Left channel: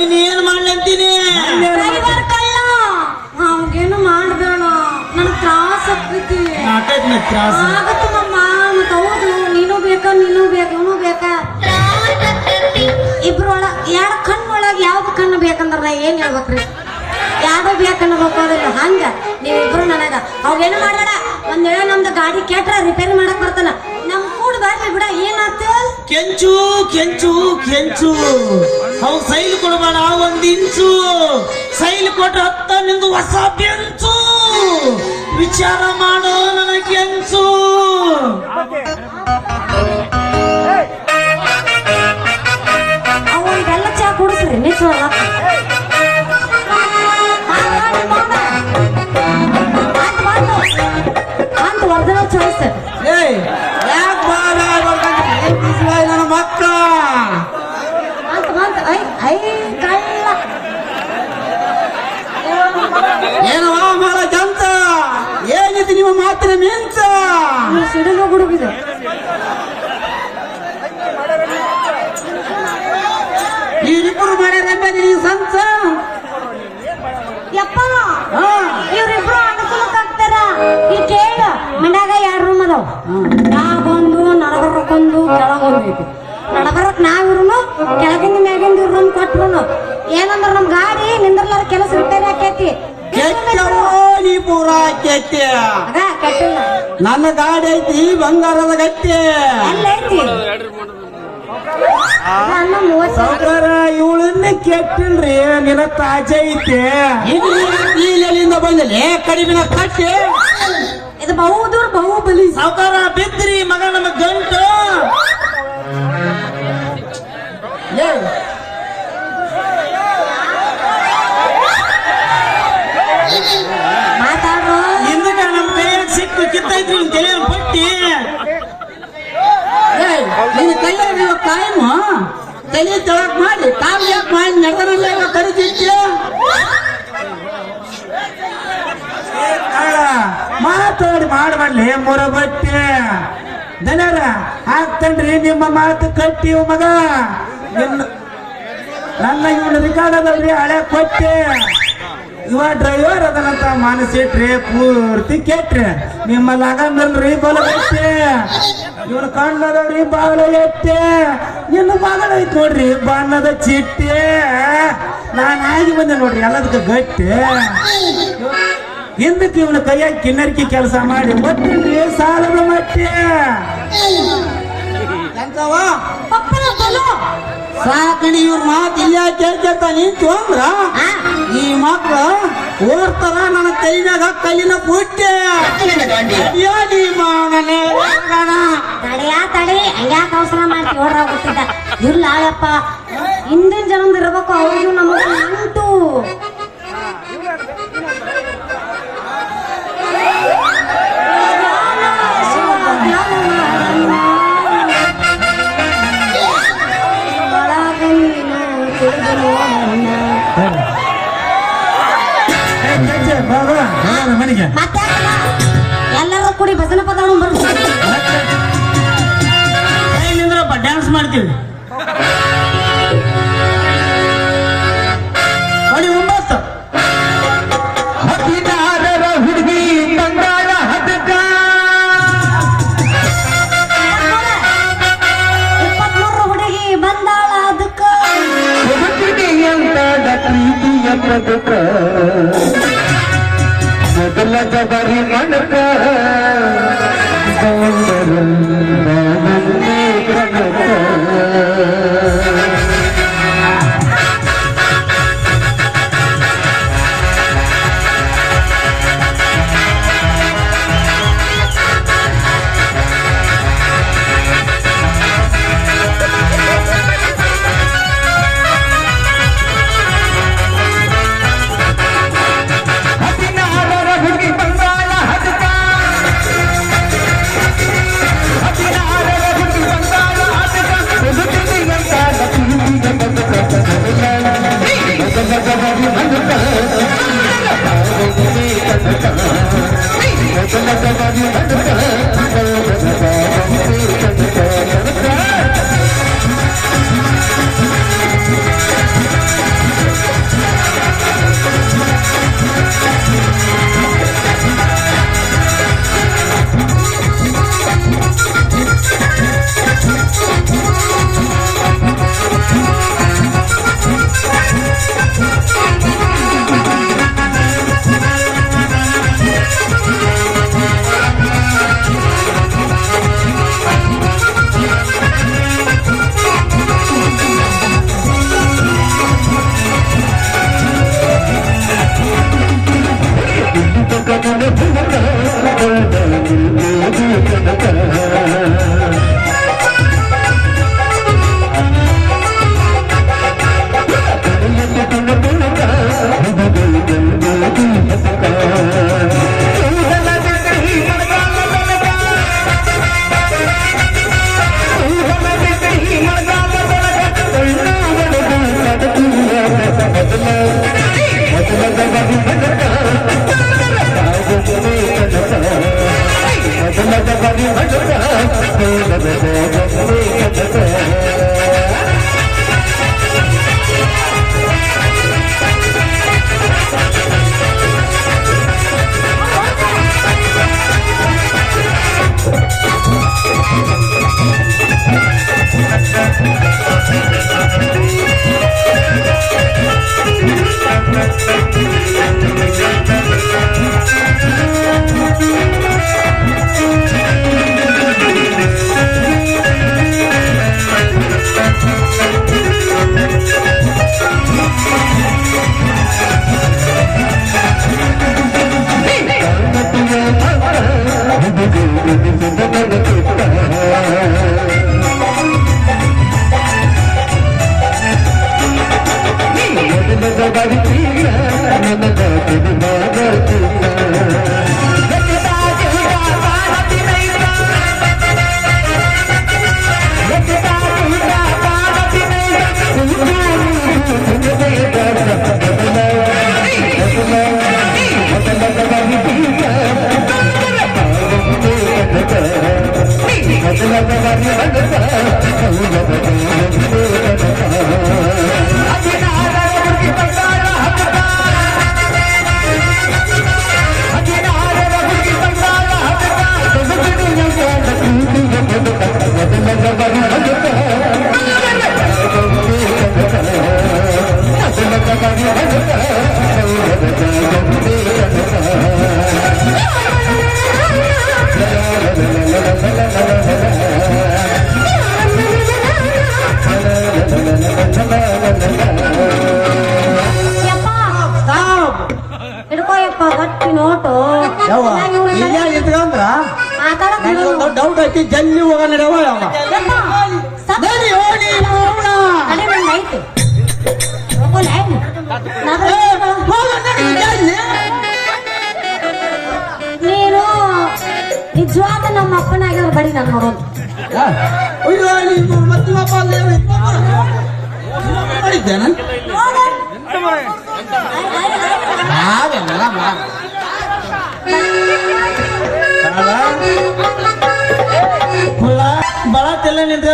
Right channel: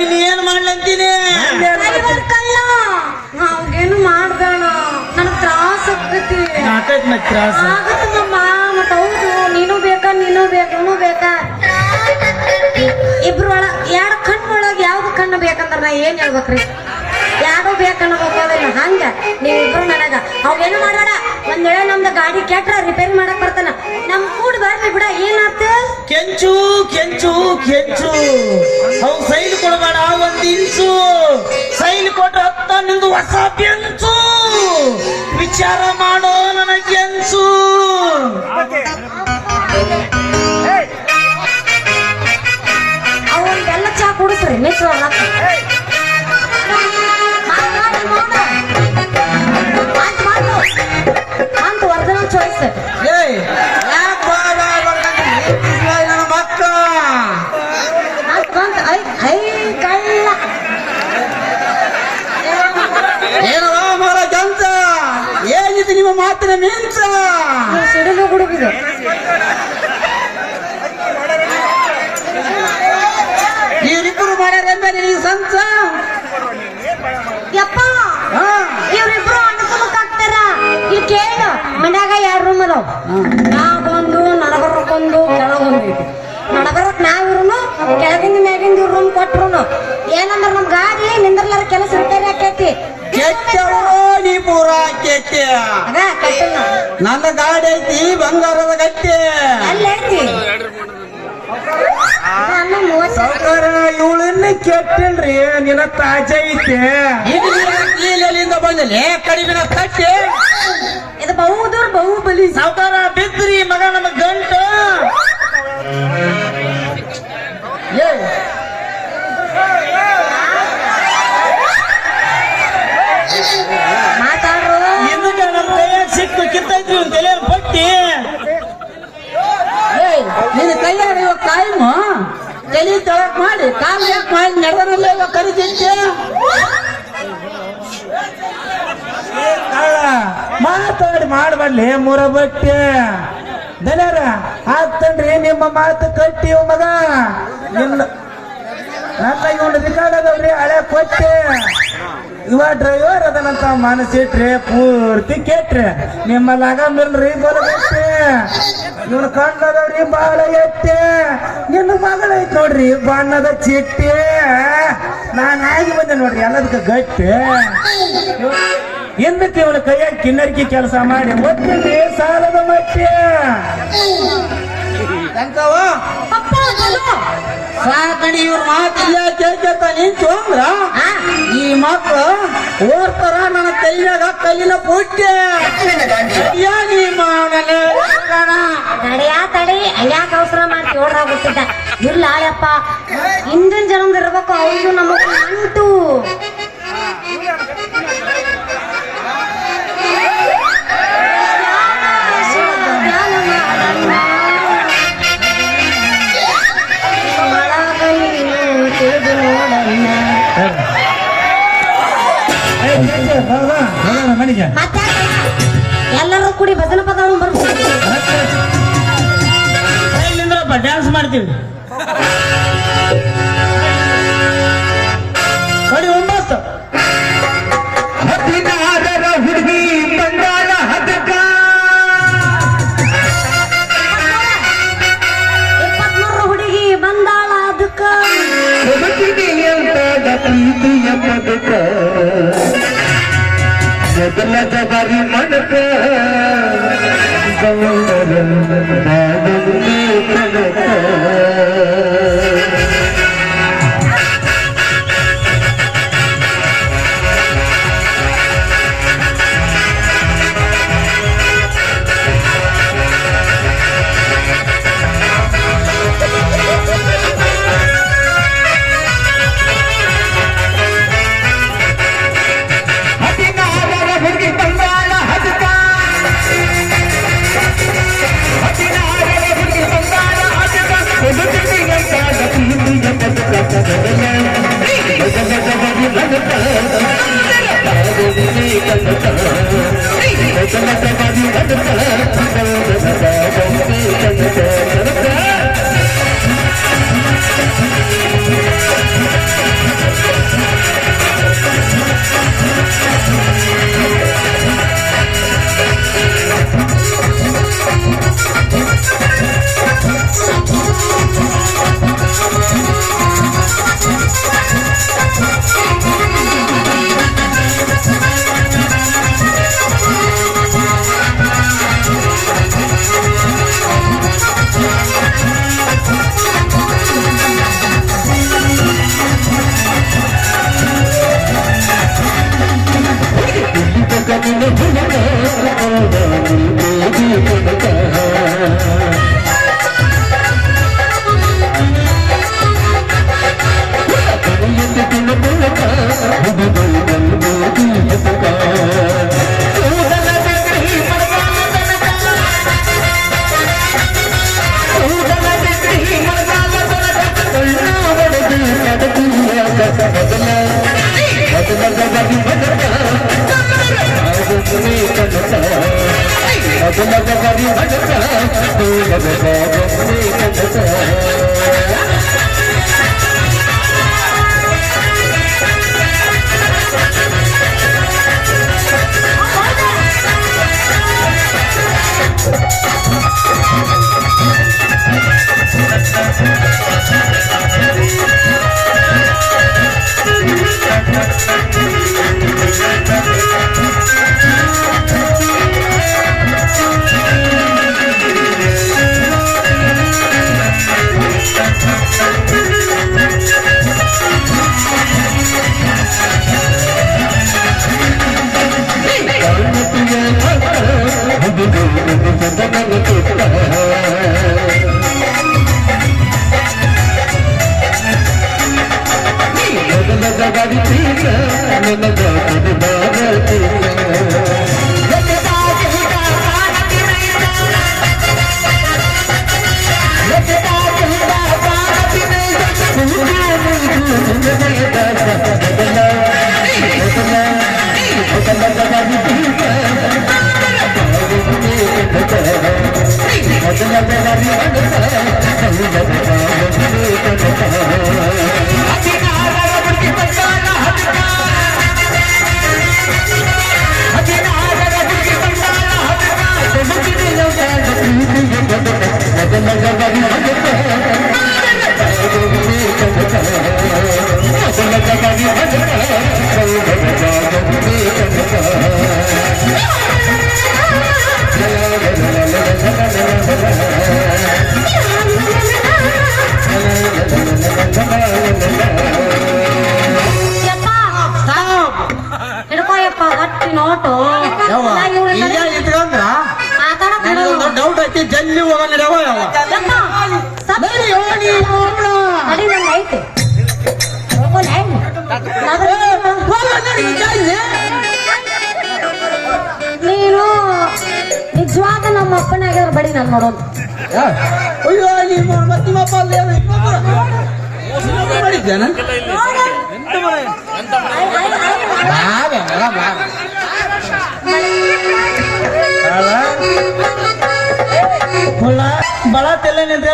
ನೀನ್ ಏನ್ ಮಾಡ್ಲಂತೀನಿ ಅವಾಗೇನು ಮಾಡ್ಬೇಡ ನನಗ್ ತ್ರಾಸ ಆಕತಿ ಆಗತ್ತಮ್ಮ. ಮತ್ತ ಹೌದು ನೀನು ಬೇಕಾ ಇವನು ಬೇಕಾ ಇಬ್ರು ಯಾರ ಕಣ್ಣೊಳಗೆ ಯಾವ್ದು ಕಣ್ಣು ಬೇಕಂದ್ರ ನಾ ಏನ್ ಹೇಳ್ಬೇಕ್ರಿ? ಯಾವ್ದೋ ಬೇಕನ್ನೋದಿಲ್ಲ. ಹಂಗ ನೀವಿಬ್ರು ನನಗ ಅವಾಗೇನು ಮಾಡಬೇಡ. ಒಂದ್ ವೇಳೆ ನಮ್ದು ಗಾಡಿ ಕೆಟ್ರ ರಿಪೇರಿ ಮಾಡಕ್ ಬರ್ತಾನ. ನಮ್ ಕೂಡ ಬರ್ಲಿ ಬಿಡ. ಏನಾತ ಕೆಂಚು ಕೆಂಚು ಕೆಂಚು ಅವ್ ಸೈಲ್ ಕೊಡಬೇಡ. ಒಂದ್ ಇಂಚು ಸೈಲ್ ಕೊಟ್ರ ಹತ್ತ ನಿಂದು ಹೊಸ ಬೆಂಚು. ವಿಚಾರ ಮಾಡೋ ನನ್ನ ಕೆಂಚು. ಅವ್ನ ಬೆಲ್ಲ ಚಾ ಕುಡಿಸ್ರಿ ಮಿಸ್ ಅಂತ ಒರಿಜಿನಲ್ ಚಾಯ್ಸ್. ನನ್ನ ಮಕ್ಕ ಏನವ ಮಗಳ ಜಂತ ಏನಿದೆ ನಿಮ್ಮ ಮಾತಿನ ಮಿಂಚ? ಸಿಡಿಲು ಗುಡುಗಿದೆ. ಇವರಿಬ್ಬರು ಮಾಡ್ಯಾರ ನೀ ಸಂತ ಯಪ್ಪ ಇವ್ರಿಬ್ರು ಅನುಕೂಲಕ್ಕಾಗ್ತಾರ. ಇಲ್ಲಿ ಕೇಳ ಮನ್ಯಾಗ 2 ರೂಮ್ ಅದಾವ. ನಾವೊಂದು ನಡಬರಕ್ಕೊಂದು ಕೆಳಗೊಂದು ಐತಿ. ನಡಬರಕ್ ನಾವಿರುನು ಕೆಳಗಿಂದ ಮ್ಯಾಗಿಂದ ರೂಮ್ ಕೊಟ್ರು ಏನಂದ್ರ ನಮ್ ಗಾಡಿ ನಿಂದ್ರಲಾರ ಕೆಲಸ ರಿಪೇರಿ ಆಕೈತಿ. ನೀ ಪೂರ ಕೆಟ್ಟೆ ಅದ ಕಟ್ಟಿಲ್ಲ. ನನ್ನ ಗಾಡಿ ಐತಿ ಬಂಗಾರದ ಗಟ್ಟೆ ಅಲ್ಲೈತಿ. ಇವಳನ್ನ ಕೆಟ್ಟಿಲ್ರಿ ನಿನ್ನ ತಾಜ ಐತೆ. ಇಲ್ಲಿಂದ ಬಂದಲ್ಲಿ ಕಡಿಮೆನ ಕಟ್ಟೆ. ಇದು ಬಹುದೂರ್ ಬಹುಬಲಿ ಸಾವುಕಾರ ಬಿದ್ರಿ ಮಗ ನಮ್ಮ ಗಂಟ. ಮಾತಾಡೋ. ಹಿಂದಕ ನಮ್ಮ ಕೈಯಾಗ ಸಿಕ್ಕು ಕಿತ್ತೈತ್ರಿ ಇವ್ನ ತಲೆ ಪಟ್ಟಿ. ನಿನ್ನ ಕೈಯಾಗ ಕಾಯಮ್ಮ ತಲೆ ತಳಕ್ ಮಾಡಿ ಕಾಮ್ ಯಾಕೆ ಮಾಡಿ ನಡೆದಲ್ಲ ಇವಾಗ ಕರಿತಿದ್ದೆ. ಮಾತಾಡಿ ಮಾಡಬಡ್ಲಿ ಮುರಬಟ್ಟೆ ಜನರ ಹಾಕ್ತನ್ರಿ ನಿಮ್ಮ ಮಾತು ಕಟ್ಟಿ ಮಗ. ನನ್ನ ಇವಳು ರಿಕಾರ್ಡ್ ಅದವ್ರಿ ಹಳೆ ಕೊಟ್ಟೆ. ಇವ ಡ್ರೈವರ್ ಅದನಂತ ಮನಸ್ಸಿಟ್ರೆ ಪೂರ್ತಿ ಕೆಟ್ರೆ ನಿಮ್ಮ ಲಗಂದಲ್ರಿ ಬಲಗಟ್ಟೆ. ಇವ್ರ ಕಣ್ಣದವ್ರಿ ಬಾಳ ಎಟ್ಟೆ. ನಿನ್ನ ಮಗಳ ಐತ್ ನೋಡ್ರಿ ಬಣ್ಣದ ಚಿಟ್ಟೆ. ನಾನು ಆಗಿ ಬಂದೆ ನೋಡ್ರಿ ಎಲ್ಲದಕ್ಕ ಗಟ್ಟೆ. ಹಿಂದಕ್ಕೆ ಇವಳು ಕೈಯಾಗ ಕಿನ್ನರಿಕೆ ಕೆಲಸ ಮಾಡಿ ಒಟ್ಟಲ್ಲಿ ಸಾಲದ ಮಟ್ಟೆ. ಸಾಕಣಿ ಇವ್ರ ಮಾತು ಇಲ್ಲ ಕೇಳ್ತ ನಿಂತು ಅಂದ್ರ ಈ ಮಕ್ಕಳು ಓಡ್ತಾರ ನನ್ನ ಕೈನಾಗ ಕಲ್ಲಿನ ಪುಟ್ಟೆ. ತಡಿ ಯಾಕೆ ಅವಸರ ಮಾಡ್ತಿ ಓಡ್ರಾಗುತ್ತಿದ್ದ ಇಲ್ಲ ಆಯಪ್ಪ. ಹಿಂದಿನ ಜನ್ಮದ ಇರ್ಬೇಕು ಅವ್ರಿಗೂ ನಮಗ ನಂಟು. ಎಲ್ಲರೂ ಕೂಡಿ ಭಜನ ಪದ ಬರ್ತೀವಿ. ಡ್ಯಾನ್ಸ್ ಮಾಡ್ತೀವಿ. ನೋಡಿ 9 ಹುಡುಗಿ ಬಂದಾಳ ಹದಕ. 23 ಹುಡುಗಿ ಬಂದಾಳ ಅದಕ್ಕ. ಪ್ರೀತಿಯ ಬದುಕ ಮೊದಲ ಜಬರಿ ಮನಕ ಹಿಡ್ಕೊಯಪ್ಪ ಗಟ್ಟಿ ನೋಟು ಡೌಟ್ ಐತಿ ಜಲ್ದಿ ಹೋಗ ನಡ್ಯವ ಯಾವ ಐತೆ ನೀನು ನಿಜವಾದ ನಮ್ಮ ಅಪ್ಪನಾಗಿರೋ ಬಡಿ ನಾನು ನೋಡೋದು ಅಯ್ಯೋ ನೀವು ಮತ್ತೆ ಮಾಡಿದ್ದೇನೆ ಬಳ ತೆಲ್ಲ ನಿಂತ